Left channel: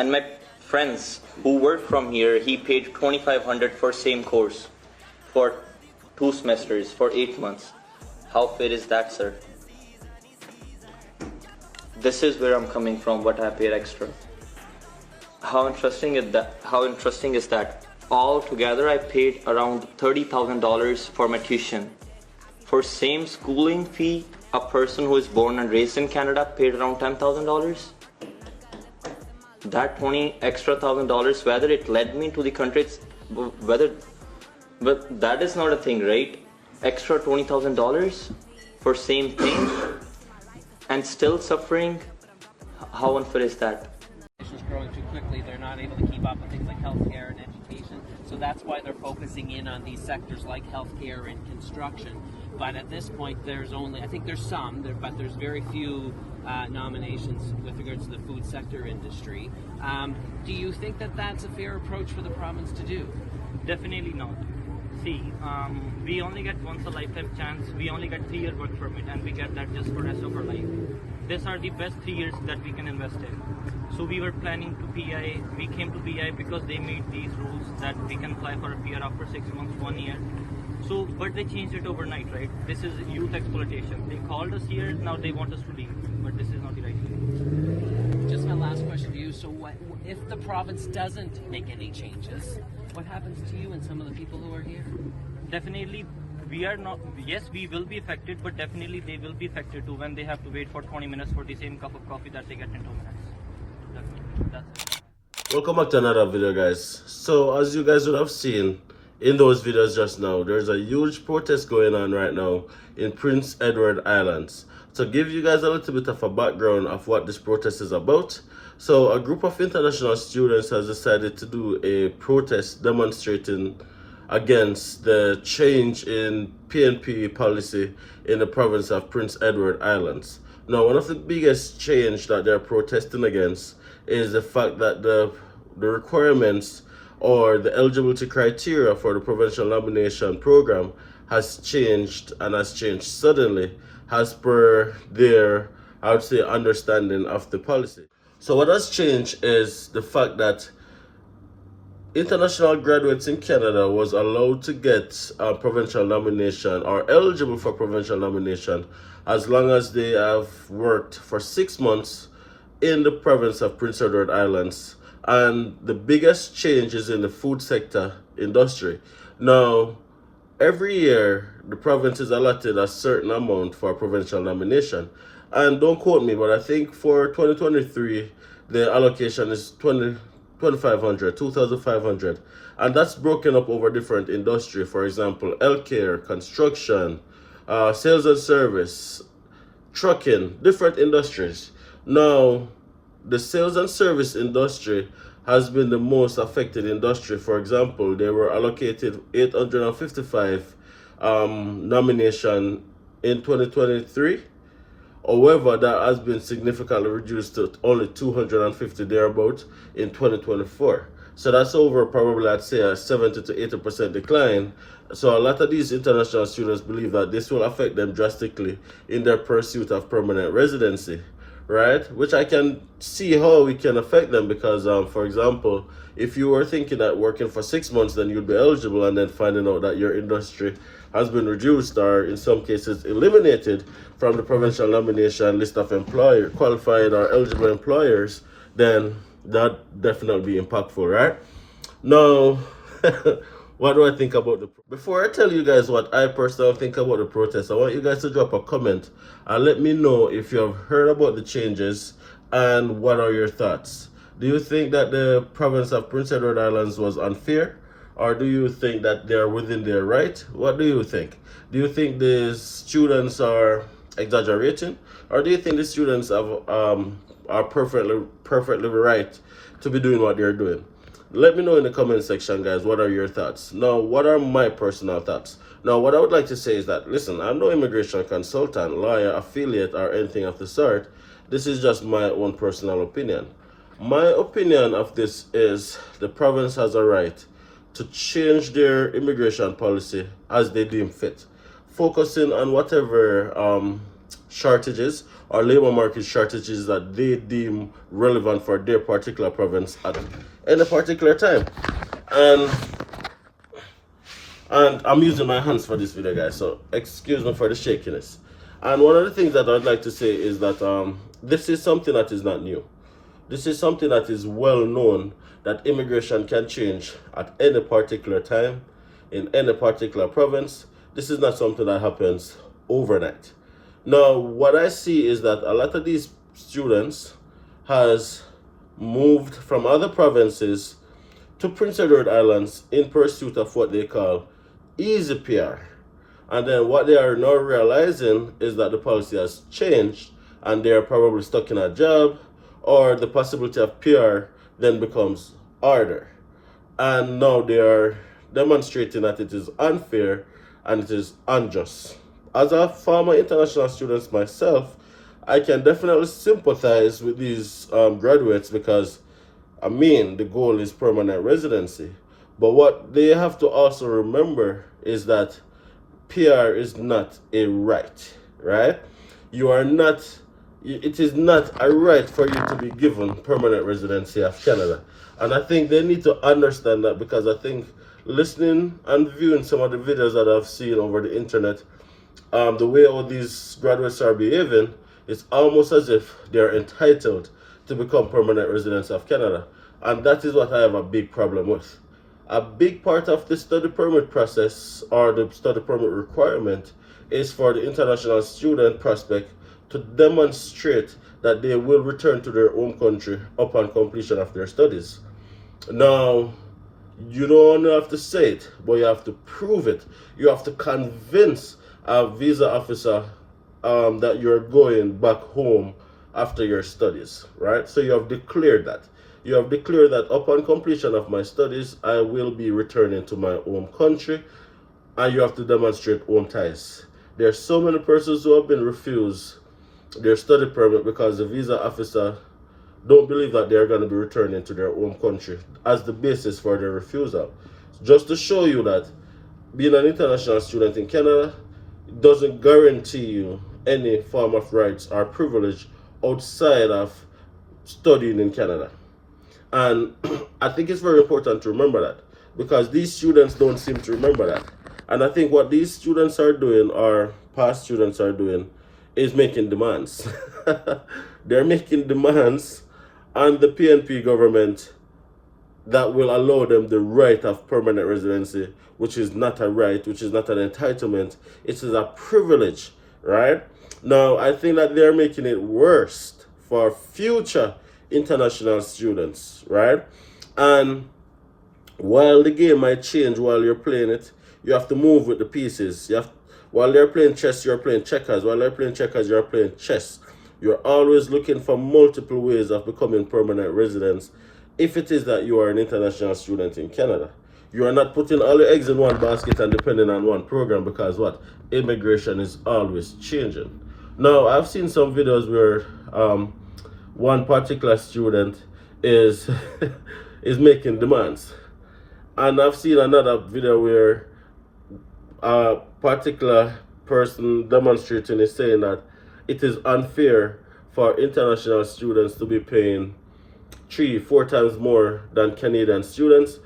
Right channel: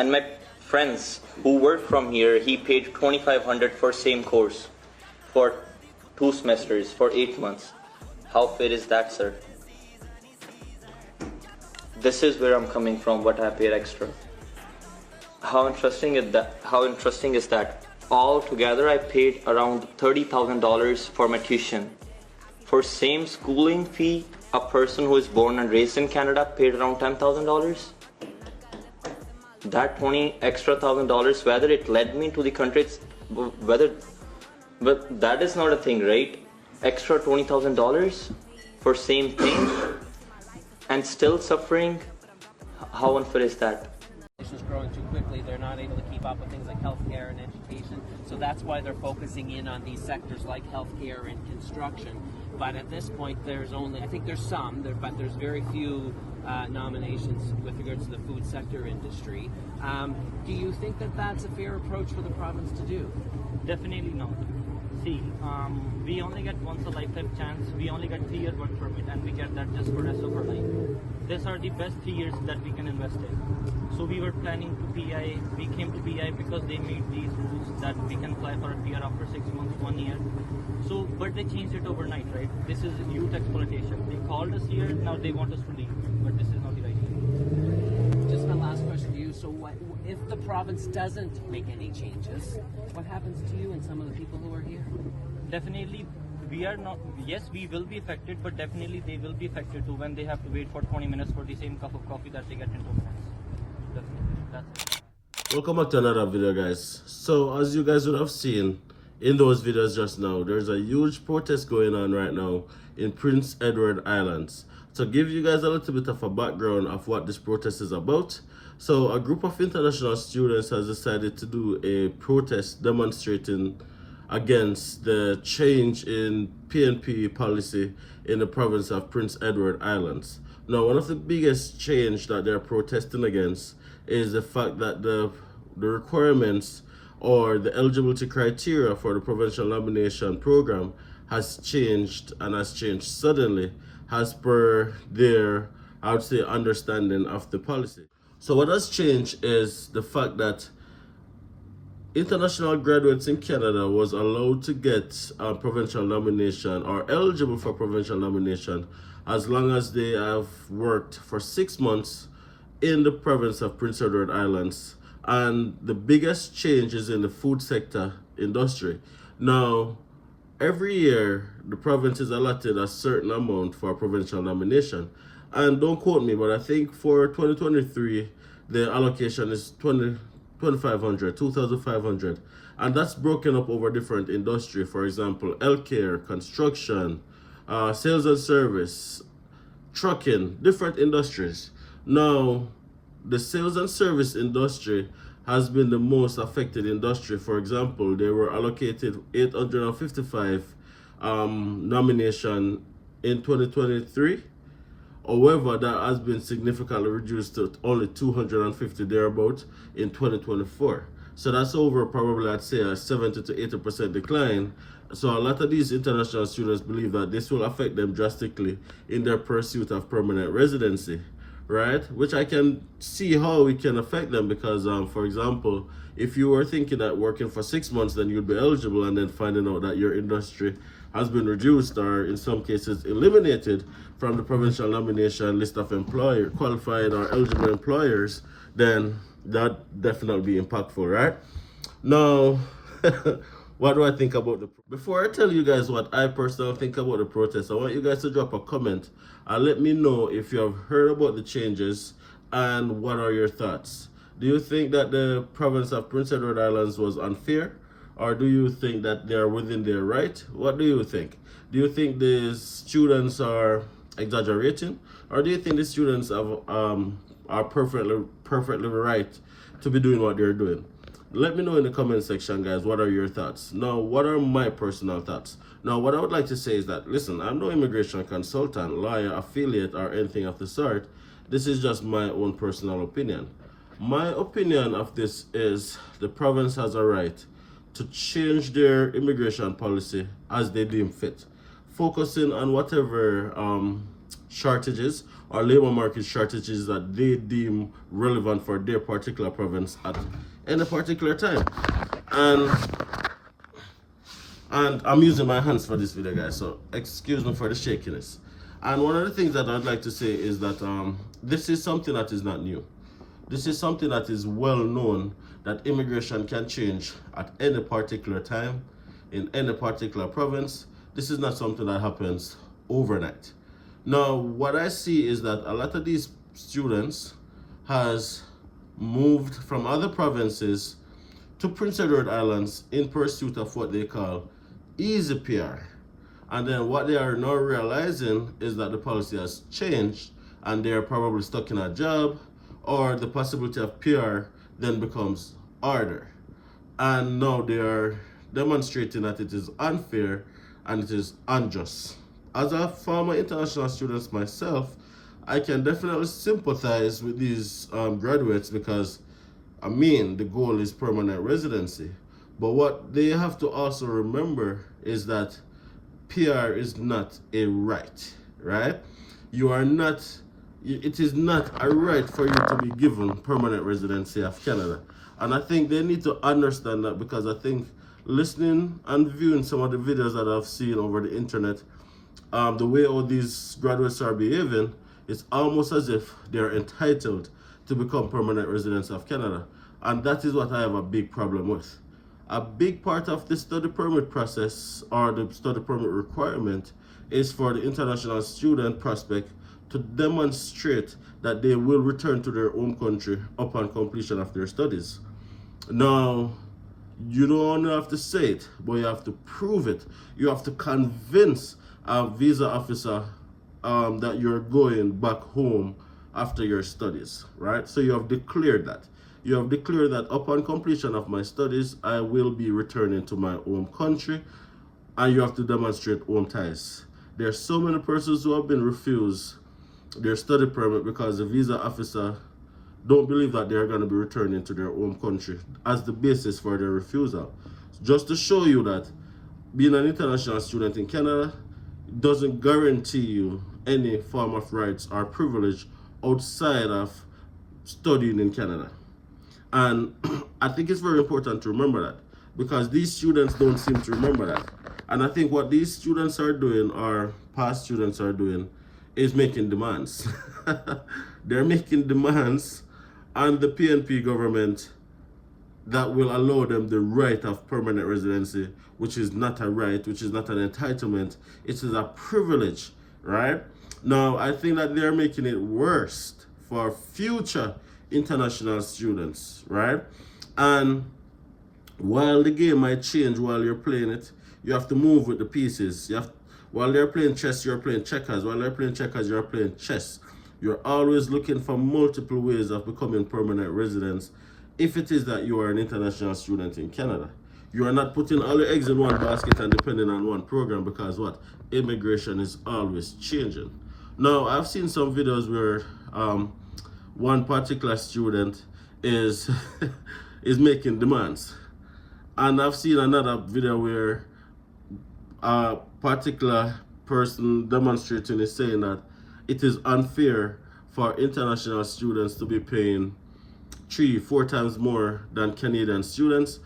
And my friends who work from here, he paid $2,500 for same course for 2 semesters for 8 months. How fair is that, sir? This is where I'm coming from, what I paid extra. How interesting is that? All together I paid around $30,000 for my tuition. For same schooling fee, a person who is born and raised in Canada paid around $10,000. That $20,000 whether it led me to the country, but that is not a thing, right? Extra $20,000 for same thing and still suffering. How unfair is that? Is growing too quickly. They're not able to keep up with things like healthcare and education. So that's why they're focusing in on these sectors like healthcare and construction. But at this point, there's only, I think there's some, but there's very few nominations with regards to the food sector industry. Do you think that that's a fair approach for the province to do? Definitely not. See, we only get once a lifetime chance. We only get 3-year work permit, and we get that just for rest of our life. These are the best 3 years that we can invest in. So we were planning to PEI. We came to PEI because they made these rules that we can apply for a PR after 6 months, 1 year. So, but they changed it overnight, right? This is youth exploitation. They called us here, now they want us to leave. But this is not the right thing. Just my last question to you. So what, if the province doesn't make any changes, what happens to you and some of the people who are here? Definitely, we are not, yes, we will be affected, but definitely they will be affected too when they have to wait for 20 minutes for the same cup of coffee that they get in 2 minutes. Definitely, that's it. Welcome back to another video, guys. So as you guys would have seen in those videos just now, there's a huge protest going on right now in Prince Edward Islands. To give you guys a little bit of a background of what this protest is about, so a group of international students has decided to do a protest demonstrating against the change in PNP policy in the province of Prince Edward Islands. Now, one of the biggest change that they're protesting against is the fact that the requirements or the eligibility criteria for the provincial nomination program has changed, and has changed suddenly as per their, I would say, understanding of the policy. So what has changed is the fact that international graduates in Canada was allowed to get a provincial nomination or eligible for provincial nomination as long as they have worked for 6 months in the province of Prince Edward Islands. And the biggest change is in the food sector industry. Now, every year the province is allotted a certain amount for provincial nomination. And don't quote me, but I think for 2023, the allocation is 2,500, and that's broken up over different industry. For example, healthcare, construction, sales and service, trucking, different industries. Now, the sales and service industry has been the most affected industry. For example, they were allocated 855 nomination in 2023. However, that has been significantly reduced to only 250 thereabout in 2024. So that's over probably, I'd say, a 70 to 80% decline. So a lot of these international students believe that this will affect them drastically in their pursuit of permanent residency, right? Which I can see how it can affect them because, for example, if you were thinking that working for 6 months, then you'd be eligible, and then finding out that your industry has been reduced or in some cases eliminated from the provincial nomination list of qualified or eligible employers, then that definitely be impactful, right? Now, what do I think about before I tell you guys what I personally think about the protest, I want you guys to drop a comment and let me know if you've heard about the changes and what are your thoughts. Do you think that the province of Prince Edward Islands was unfair? Or do you think that they're within their right? What do you think? Do you think the students are exaggerating? Or do you think the students have, are perfectly right to be doing what they're doing? Let me know in the comment section, guys, what are your thoughts? Now, what are my personal thoughts? Now, what I would like to say is that, listen, I'm no immigration consultant, lawyer, affiliate, or anything of the sort. This is just my own personal opinion. My opinion of this is the province has a right to change their immigration policy as they deem fit, focusing on whatever shortages or labor market shortages that they deem relevant for their particular province at any particular time. And I'm using my hands for this video, guys, so excuse me for the shakiness. And one of the things that I'd like to say is that this is something that is not new. This is something that is well known, that immigration can change at any particular time in any particular province. This is not something that happens overnight. Now, what I see is that a lot of these students has moved from other provinces to Prince Edward Islands in pursuit of what they call easy PR. And then what they are now realizing is that the policy has changed and they are probably stuck in a job, or the possibility of PR then becomes harder. And now they are demonstrating that it is unfair and it is unjust. As a former international student myself, I can definitely sympathize with these graduates, because I mean, the goal is permanent residency. But what they have to also remember is that PR is not a right, right? You are not, it is not a right for you to be given permanent residency of Canada. And I think they need to understand that, because I think listening and viewing some of the videos that I've seen over the internet, the way all these graduates are behaving, it's almost as if they're entitled to become permanent residents of Canada. And that is what I have a big problem with. A big part of the study permit process, or the study permit requirement, is for the international student prospect to demonstrate that they will return to their home country upon completion of their studies. Now, you don't have to say it, but you have to prove it. You have to convince a visa officer that you're going back home after your studies, right? So you have declared that. You have declared that upon completion of my studies, I will be returning to my home country, and you have to demonstrate home ties. There are so many persons who have been refused their study permit because the visa officer don't believe that they're going to be returning to their home country as the basis for their refusal. Just to show you that being an international student in Canada doesn't guarantee you any form of rights or privilege outside of studying in Canada. And I think it's very important to remember that, because these students don't seem to remember that. And I think what these students are doing, or past students are doing, is making demands. They're making demands on the PNP government that will allow them the right of permanent residency, which is not a right, which is not an entitlement. It is a privilege, right? Now, I think that they're making it worse for future international students, right? And while the game might change while you're playing it, you have to move with the pieces. While they're playing chess, you're playing checkers. While they're playing checkers, you're playing chess. You're always looking for multiple ways of becoming permanent residents if it is that you are an international student in Canada. You are not putting all your eggs in one basket and depending on one program, because what? Immigration is always changing. Now, I've seen some videos where one particular student is is making demands, and I've seen another video where a particular person demonstrating is saying that it is unfair for international students to be paying 3-4 times more than Canadian students,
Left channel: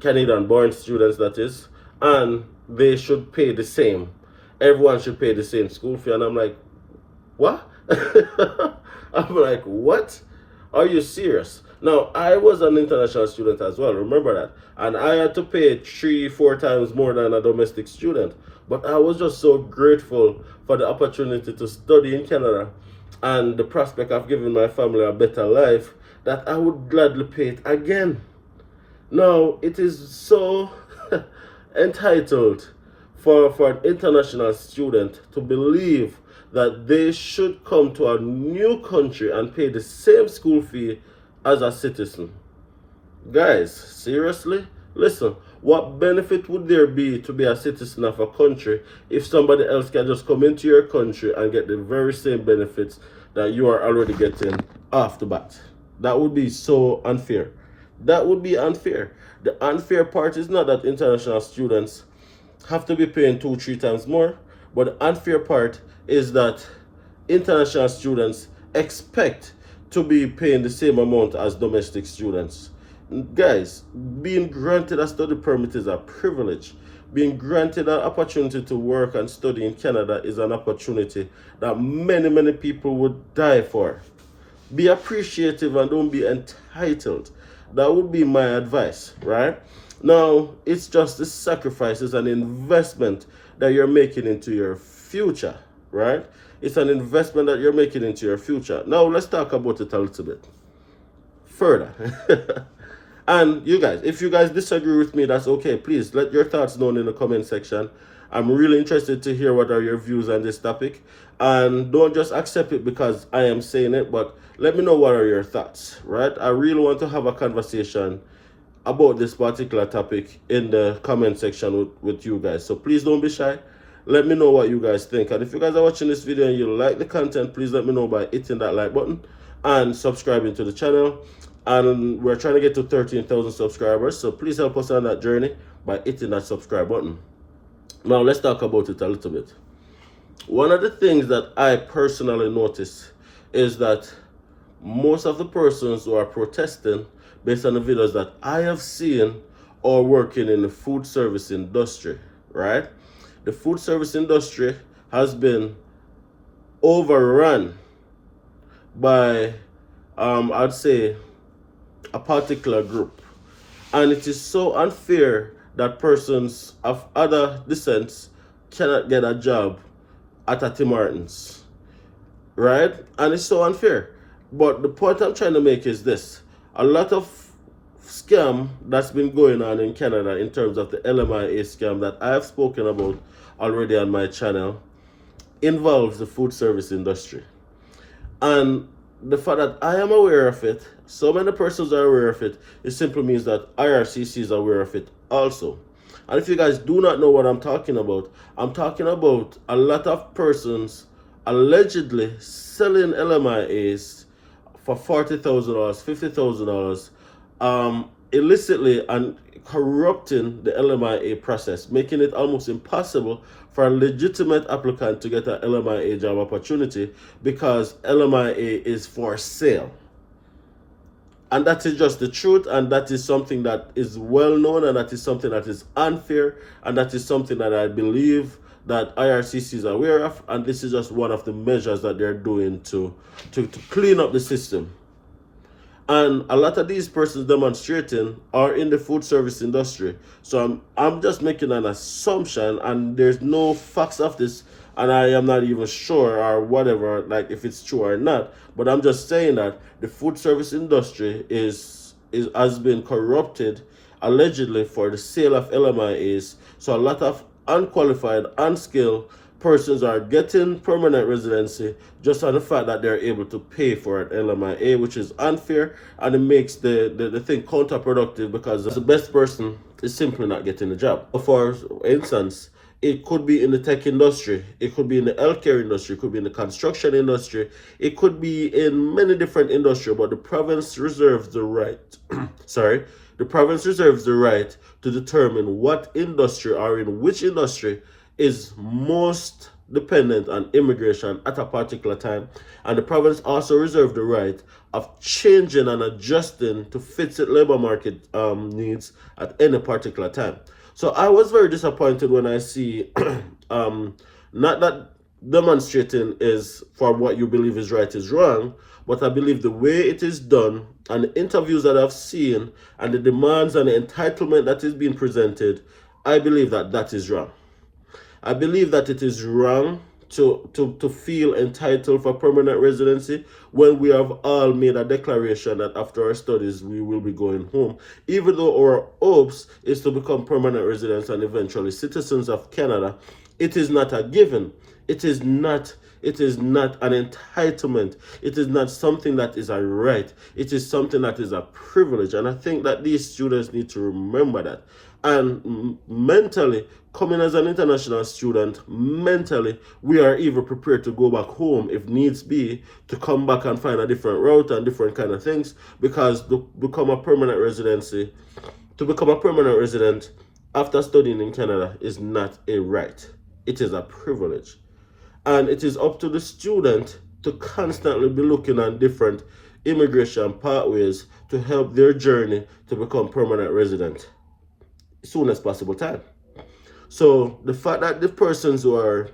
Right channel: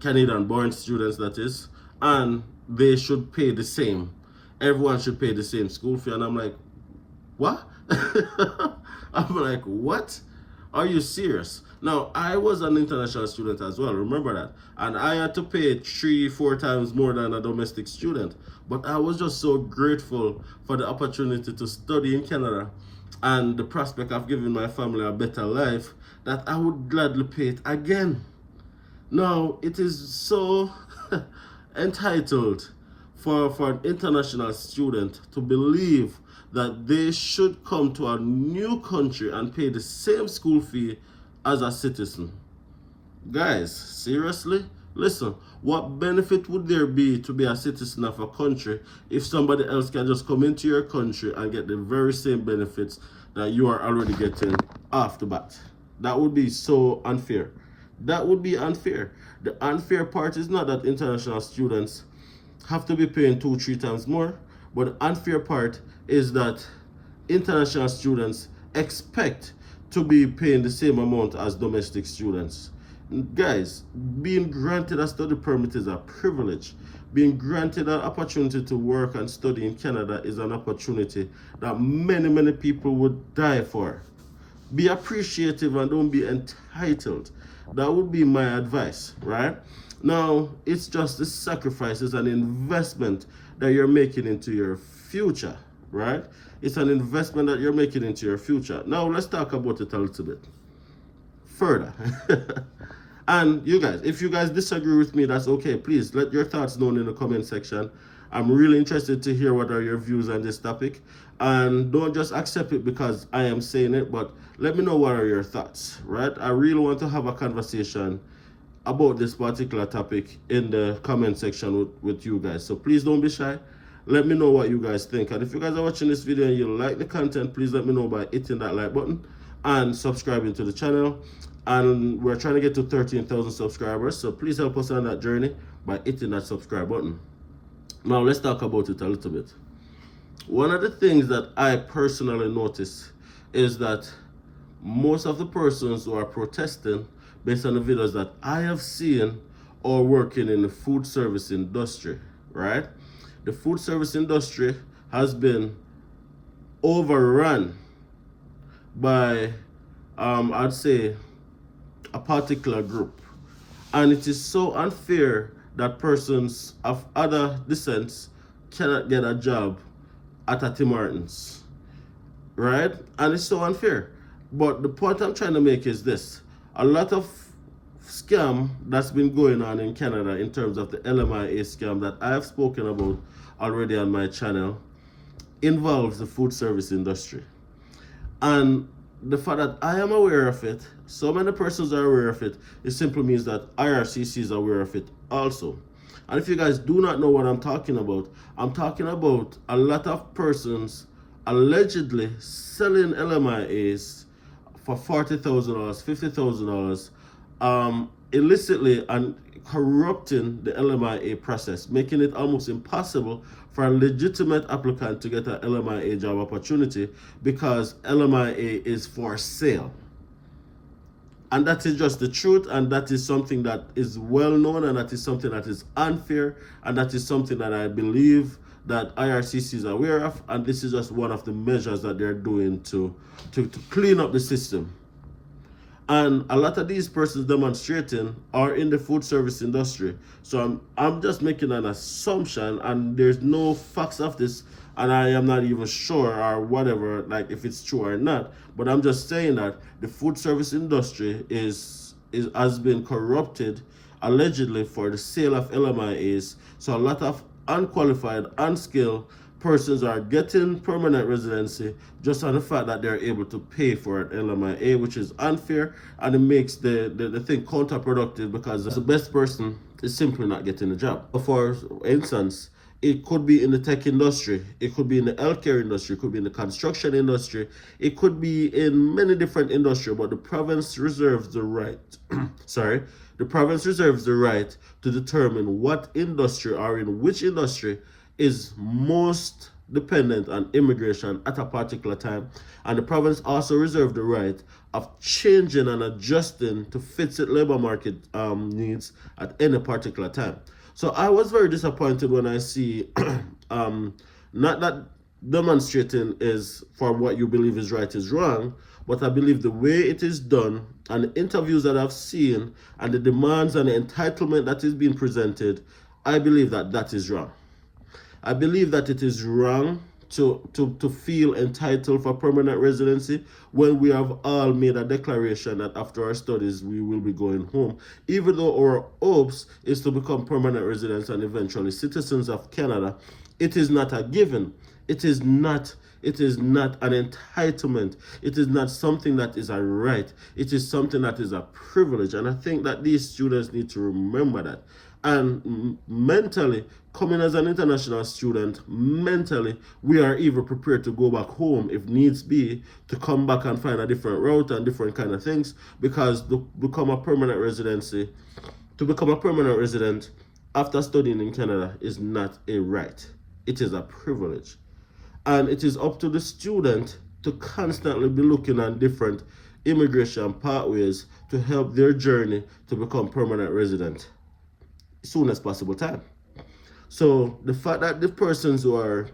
Canadian born students that is, and they should pay the same. Everyone should pay the same school fee. And I'm like, what? I'm like, what? Are you serious? Now, I was an international student as well, remember that. And I had to pay 3-4 times more than a domestic student. But I was just so grateful for the opportunity to study in Canada and the prospect of giving my family a better life, that I would gladly pay it again. Now, it is so entitled for an international student to believe that they should come to a new country and pay the same school fee as a citizen. Guys, seriously? Listen, what benefit would there be to be a citizen of a country if somebody else can just come into your country and get the very same benefits that you are already getting off the bat? That would be so unfair. That would be unfair. The unfair part is not that international students have to be paying 2-3 times more, but the unfair part is that international students expect to be paying the same amount as domestic students. Guys, being granted a study permit is a privilege. Being granted an opportunity to work and study in Canada is an opportunity that many people would die for. Be appreciative and don't be entitled. That would be my advice, right? Now, it's just the sacrifice, it's an investment that you're making into your future, right? It's an investment that you're making into your future. Now, let's talk about it a little bit further. And you guys, if you guys disagree with me, that's okay. Please let your thoughts known in the comment section. I'm really interested to hear what are your views on this topic. And don't just accept it because I am saying it, but let me know what are your thoughts, right? I really want to have a conversation about this particular topic in the comment section with you guys. So please don't be shy. Let me know what you guys think. And if you guys are watching this video and you like the content, please let me know by hitting that like button and subscribing to the channel. And we're trying to get to 13,000 subscribers, so please help us on that journey by hitting that subscribe button. Now let's talk about it a little bit. One of the things that I personally notice is that most of the persons who are protesting, based on the videos that I have seen, are working in the food service industry, right? The food service industry has been overrun by, I'd say, a particular group, and it is so unfair that persons of other descents cannot get a job at a Tim Hortons, right? And it's so unfair. But the point I'm trying to make is this: a lot of scam that's been going on in Canada in terms of the LMIA scam that I have spoken about already on my channel involves the food service industry. And the fact that I am aware of it, so many persons are aware of it, it simply means that IRCC is aware of it also. And if you guys do not know what I'm talking about a lot of persons allegedly selling LMIAs for $40,000, $50,000, illicitly, and corrupting the LMIA process, making it almost impossible for a legitimate applicant to get an LMIA job opportunity because LMIA is for sale. And that is just the truth, and that is something that is well known, and that is something that is unfair, and that is something that I believe that IRCC is aware of, and this is just one of the measures that they're doing to clean up the system. And a lot of these persons demonstrating are in the food service industry. So I'm just making an assumption, and there's no facts of this, and I am not even sure or whatever, like if it's true or not. But I'm just saying that the food service industry has been corrupted allegedly for the sale of LMIAs. So a lot of unqualified, unskilled persons are getting permanent residency just on the fact that they're able to pay for an LMIA, which is unfair, and it makes the thing counterproductive because the best person is simply not getting the job. For instance, it could be in the tech industry, it could be in the healthcare industry, it could be in the construction industry, it could be in many different industries, but the province reserves the right, the province reserves the right to determine what industry or in which industry is most dependent on immigration at a particular time, and the province also reserves the right of changing and adjusting to fit its labor market needs at any particular time. So I was very disappointed when I see not that demonstrating is for what you believe is right is wrong, but I believe the way it is done and the interviews that I've seen and the demands and the entitlement that is being presented, I believe that is wrong. I believe that it is wrong to feel entitled for permanent residency when we have all made a declaration that after our studies we will be going home, even though our hopes is to become permanent residents and eventually citizens of Canada. It is not a given. It is not an entitlement. It is not something that is a right. It is something that is a privilege, and I think that these students need to remember that. And mentally, coming as an international student, mentally, we are even prepared to go back home if needs be, to come back and find a different route and different kind of things, because to become a permanent resident after studying in Canada is not a right. It is a privilege. And it is up to the student to constantly be looking at different immigration pathways to help their journey to become permanent resident soon as possible time. So the fact that the persons who are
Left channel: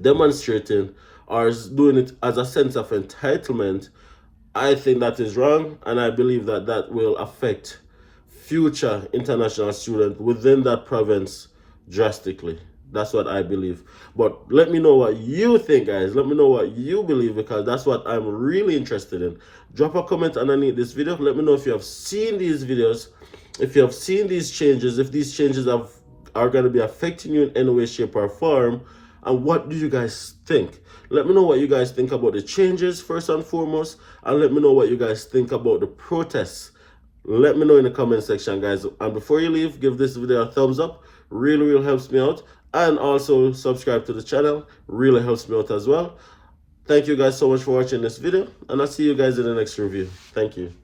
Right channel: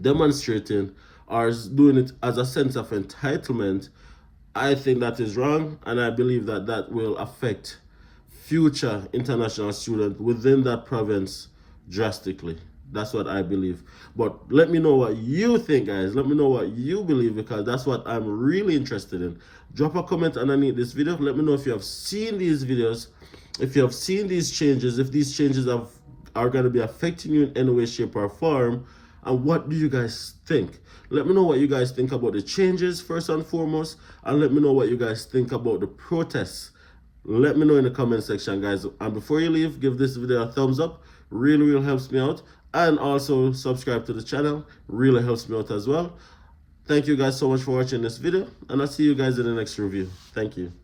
demonstrating are doing it as a sense of entitlement, I think that is wrong, and I believe that that will affect future international students within that province drastically. That's what I believe. But let me know what you think, guys. Let me know what you believe, because that's what I'm really interested in. Drop a comment underneath this video. Let me know if you have seen these videos, if you have seen these changes, if these changes are going to be affecting you in any way, shape, or form, and what do you guys think? Let me know what you guys think about the changes first and foremost, and let me know what you guys think about the protests. Let me know in the comment section, guys. And before you leave, give this video a thumbs up. Really helps me out. And also subscribe to the channel. Really helps me out as well. Thank you guys so much for watching this video, and I'll see you guys in the next review. Thank you.